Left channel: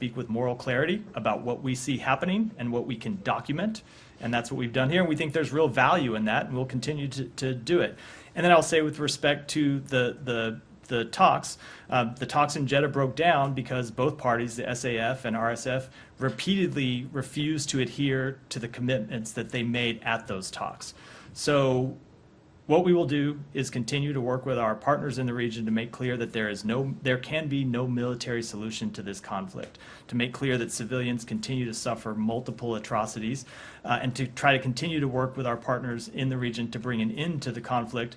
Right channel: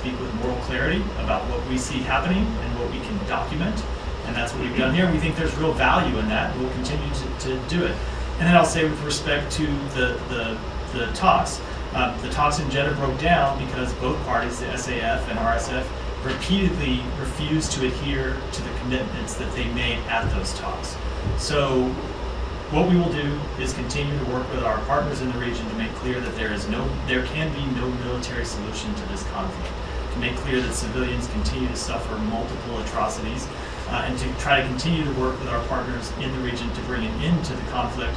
speak with moral clarity about what we see happening and what we can document. And that's what we've done here. We think there's real value in that. We'll continue to do it. And then I'll say with respect to the talks. The talks in Jeddah broke down because both parties, the SAF and RSF, repeatedly refused to adhere to the commitments that they made at those talks. So what we will do is continue to work with our partners in the region to make clear that there can be no military solution to this conflict, to make clear that civilians continue to suffer multiple atrocities, and to try to continue to work with our partners in the region to bring an end to the conflict.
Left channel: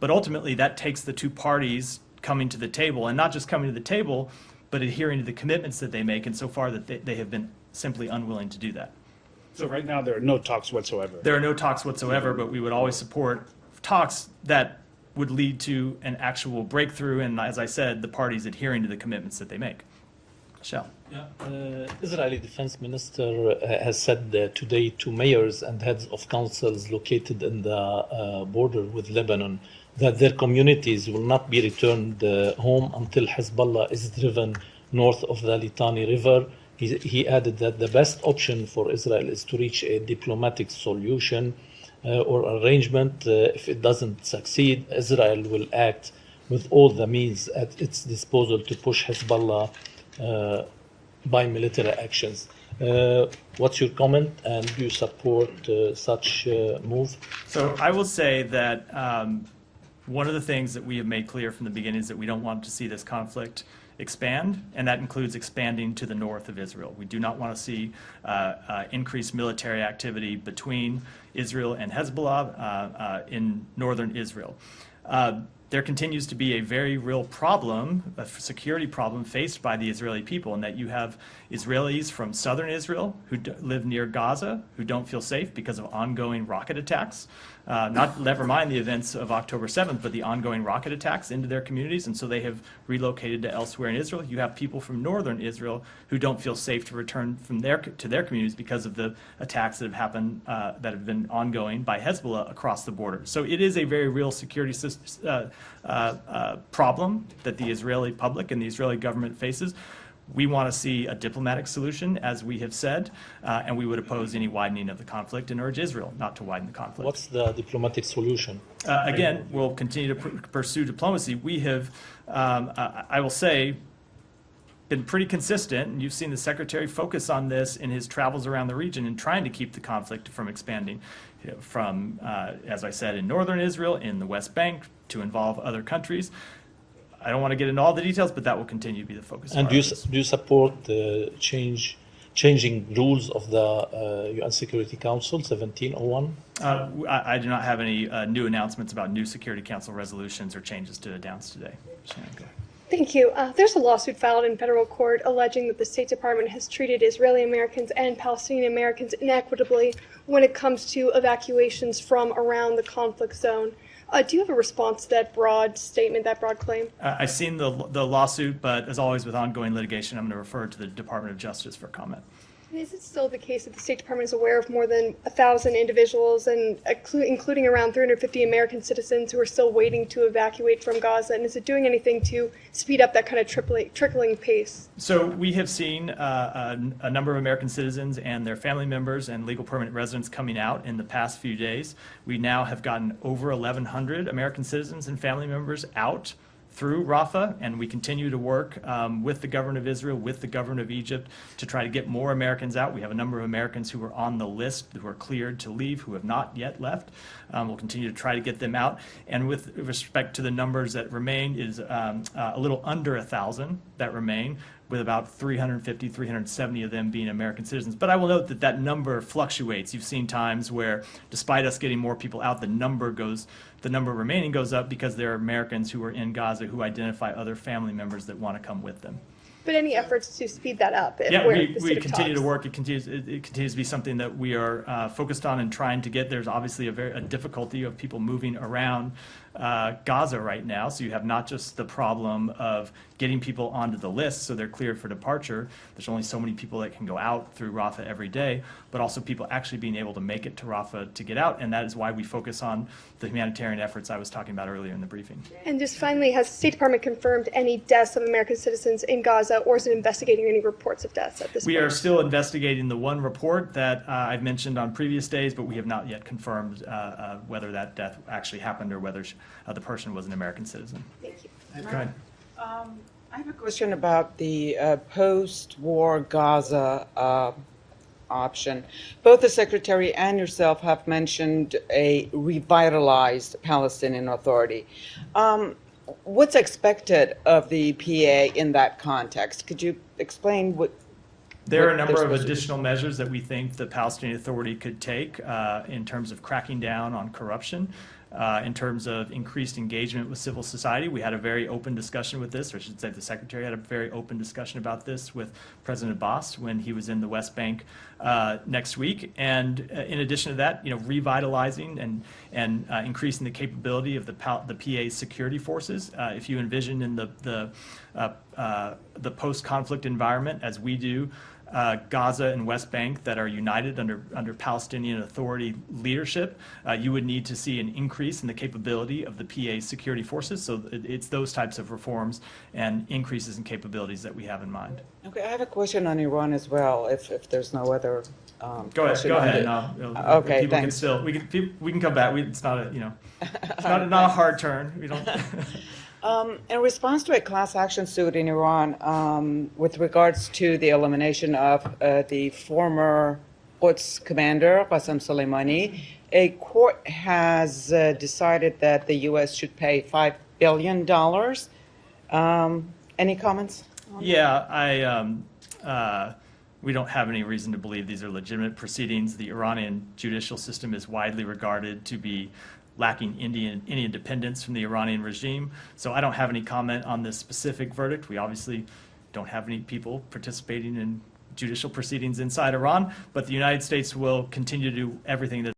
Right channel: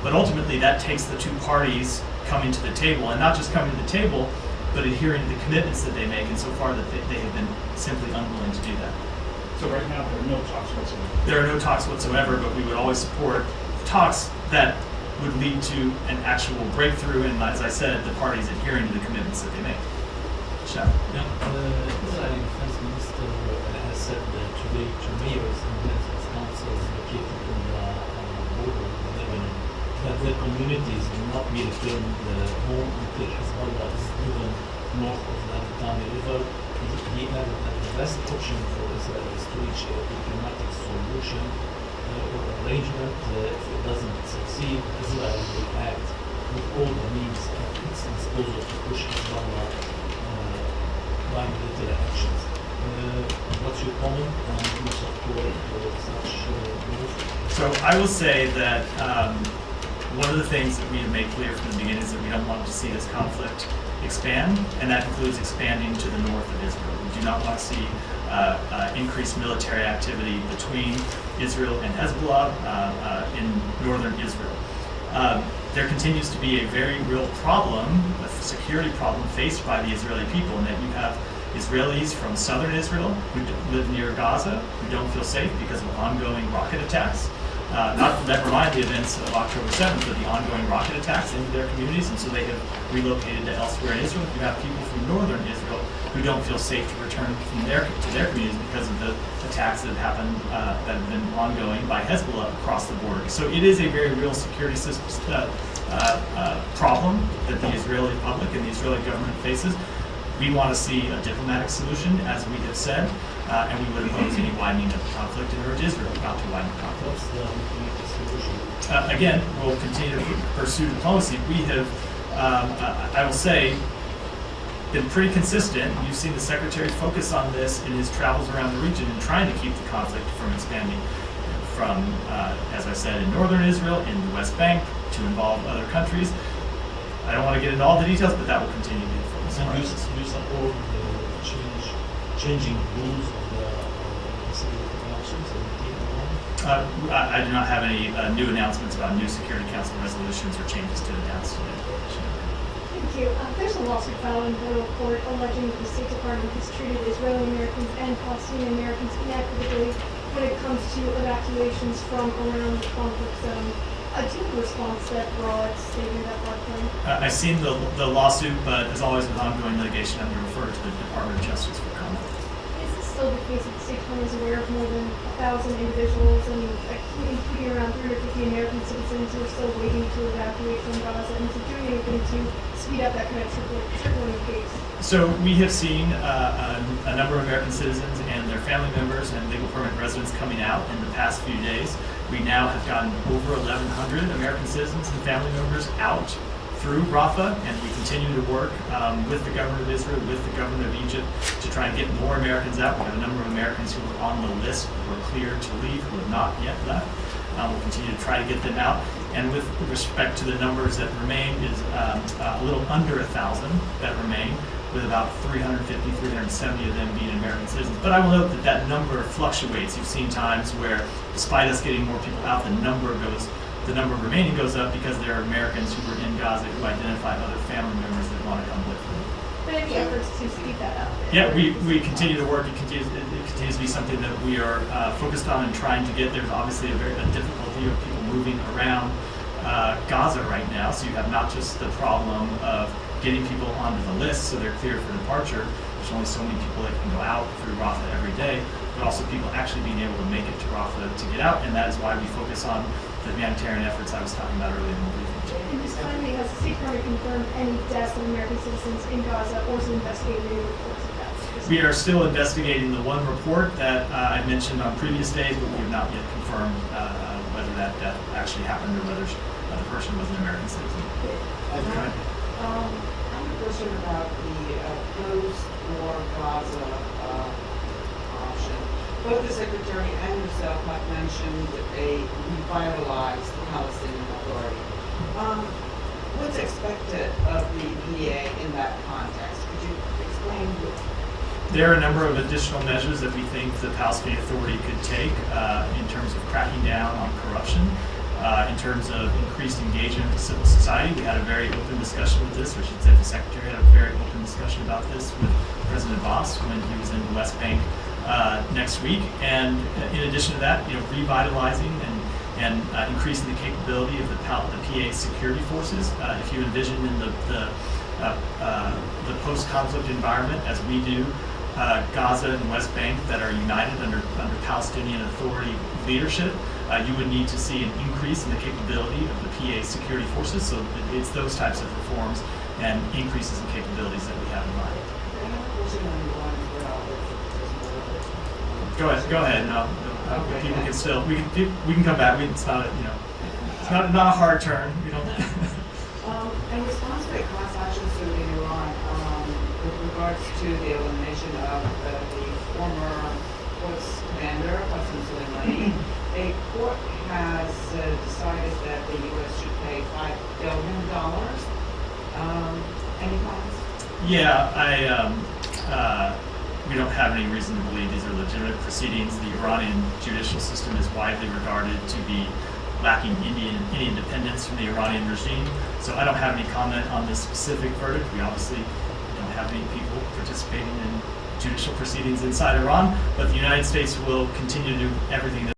But ultimately, that takes the two parties coming to the table, and not just coming to the table, but adhering to the commitments that they make, and so far that they have been simply unwilling to do that. So right now there are no talks whatsoever? There are no talks whatsoever, but we would always support talks that would lead to an actual breakthrough, and as I said, the parties adhering to the commitments that they make. Israeli Defense Minister has said today to mayors and heads of councils located in the border with Lebanon that their communities will not be returned home until Hezbollah is driven north of the Litani River. He added that the best option for Israel is to reach a diplomatic solution or arrangement. If it doesn't succeed, Israel will act with all the means at its disposal to push Hezbollah by military actions. What's your comment, and do you support such move? So I will say that one of the things that we have made clear from the beginning is that we don't want to see this conflict expand, and that includes expanding to the north of Israel. We do not want to see increased military activity between Israel and Hezbollah in northern Israel. There continues to be a very real problem, a security problem faced by the Israeli people, and that you have Israelis from southern Israel who live near Gaza who don't feel safe because of ongoing rocket attacks. Never mind the events of October 7th, but the ongoing rocket attacks into their communities, and so they have relocated to elsewhere in Israel. You have people from northern Israel who don't feel safe to return to their communities because of the attacks that have happened, that have been ongoing by Hezbollah across the border. So it is a very real security problem that the Israeli public and the Israeli government faces. We want to see a diplomatic solution, as we have said, and we would oppose any widening of the conflict and urge Israel not to widen the conflict. What's the diplomatic solution? Again, we'll continue to pursue diplomacy. We have, I will say, been pretty consistent. You've seen the Secretary focus on this in his travels around the region and trying to keep the conflict from expanding from, as I said, in northern Israel, in the West Bank, to involve other countries. I don't want to get into all the details, but that will continue to be the focus. And do you support the changing rules of the UN Security Council 1701? I do not have any new announcements about new Security Council resolutions or changes to announce today. Thank you. There's a lawsuit filed in federal court alleging that the State Department has treated Israeli Americans and Palestinian Americans inequitably when it comes to evacuations from around the conflict zone. Do you have a response to that broad statement, that broad claim? I've seen the lawsuit, but as always with ongoing litigation, I'm going to refer to the Department of Justice for comment. Is it still the case that the State Department is aware of more than 1,000 individuals, and including around 350 American citizens who are still waiting to evacuate from Gaza? And is it doing anything to speed up that kind of trickling pace? So we have seen a number of American citizens and their family members and legal permanent residents coming out in the past few days. We now have gotten over 1,100 American citizens and family members out through Rafah, and we continue to work with the government of Israel, with the government of Egypt, to try to get more Americans out. We have a number of Americans who are on the list, who are cleared to leave, who have not yet left. We'll continue to try to get them out. And with respect to the numbers that remain, is a little under 1,000 that remain, with about 350, 370 of them being American citizens. But I will note that that number fluctuates. You've seen times where, despite us getting more people out, the number remaining goes up because there are Americans who were in Gaza who identify other family members that want to come live. But any efforts to speed that up? Yeah, we continue to work. It continues to be something that we are focused on and trying to get. There's obviously a difficulty of people moving around Gaza right now. So you have not just the problem of getting people onto the list so they're cleared for departure, there's only so many people that can go out through Rafah every day, but also people actually being able to make it to Rafah to get out, and that is why we focus on the humanitarian efforts I was talking about earlier in the briefing. And just finally, has the State Department confirmed any deaths of American citizens in Gaza, or is it investigating any reports of deaths at this point? We are still investigating the one report that I mentioned on previous days, but we have not yet confirmed whether that death actually happened or whether the person was an American citizen. Okay. I have a question about the post-war Gaza option. Both the Secretary and yourself have mentioned a revitalized Palestinian Authority. What's expected of the PA in that context? Could you explain what? There are a number of additional measures that we think the Palestinian Authority could take in terms of cracking down on corruption, in terms of increased engagement with civil society. We had a very open discussion with this, or I should say the Secretary had a very open discussion about this with President Abbas when he was in the West Bank next week. And in addition to that, revitalizing and increasing the capability of the PA security forces. If you envision in the post-conflict environment, as we do, Gaza and West Bank that are united under Palestinian Authority leadership, you would need to see an increase in the capability of the PA security forces. So it's those types of reforms and increases in capabilities that we have in mind. I have a question on Iran as well, if there's no other. Go ahead. No, Okay, people thanks. we can come back. It's not not a hard turn. We don't. In response to a class action suit in Iran with regards to the elimination of the former Quds commander, Qasem Soleimani, a court has decided that the U.S. should pay $5 billion. Any comments? Yeah, we don't have any reason to believe these are legitimate proceedings. The Iranian judicial system is widely regarded to be lacking any independence from the Iranian regime. So I don't have any comment on this specific verdict. We obviously don't have any people participating in judicial proceedings inside Iran, but the United States will continue to do everything that